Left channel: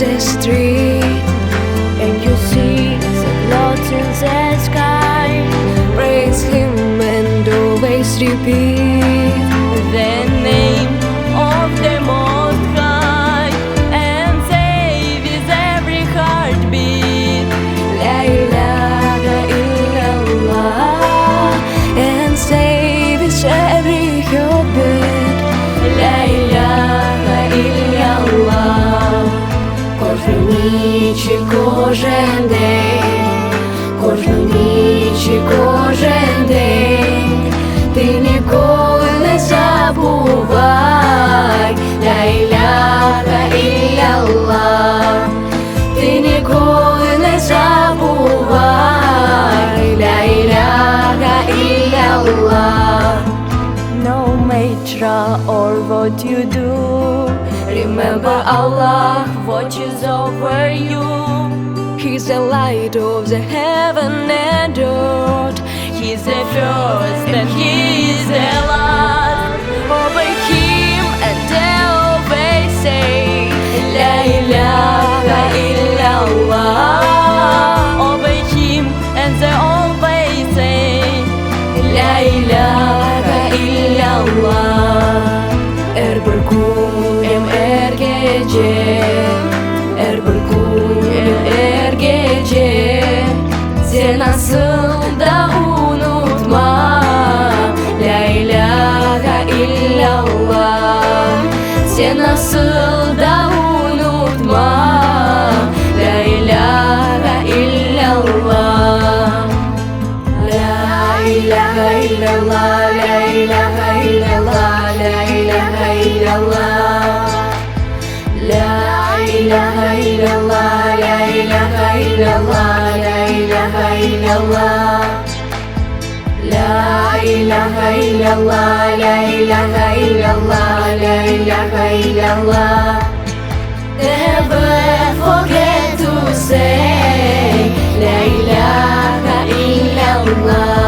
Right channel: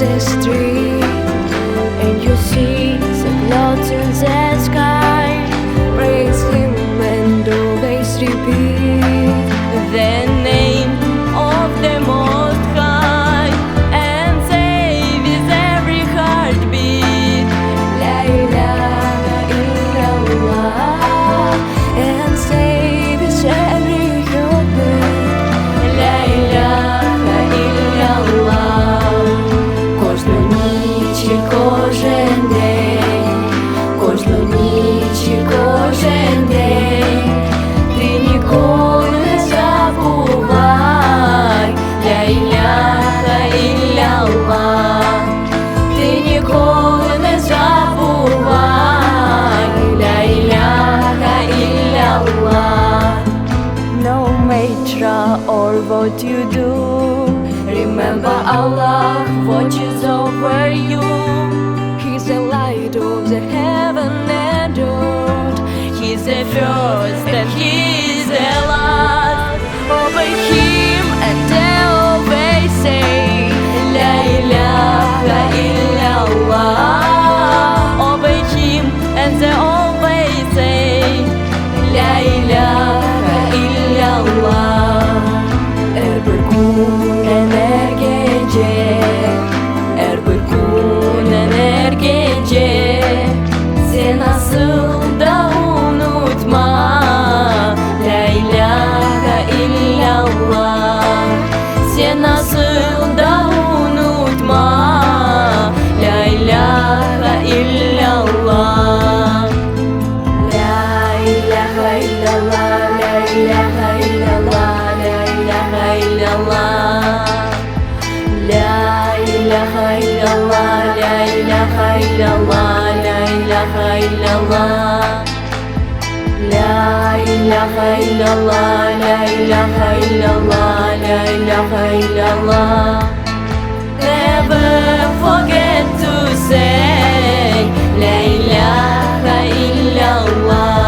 the street and you see the clouds in the sky, praise Him and always repeat the name of the Most High and say with every heartbeat, La ilaha illallah, and say with every heartbeat, La ilaha illallah. Кожну ніч і кожен день, кожну ніч і кожен день, ти ніколи не забувай, ля іляха ілlallah, ти ніколи не забувай, ля іляха ілlallah. No matter or what you do, remember Allah watches over you. He's the light of the heaven and earth. He's the first and He's the last. Obey Him and always say, La ilaha illallah. Obey Him and they always say, La ilaha illallah. Bir kunem gece, bir kunem gece, sen asıl da unutma, La ilaha illallah, sen asıl da unutma, La ilaha illallah. La ilaha illallah, la ilaha illallah, la ilaha illallah. La ilaha illallah, la ilaha illallah, la ilaha illallah. La ilaha illallah, la ilaha illallah, la ilaha illallah. Never forget to say, La ilaha illallah.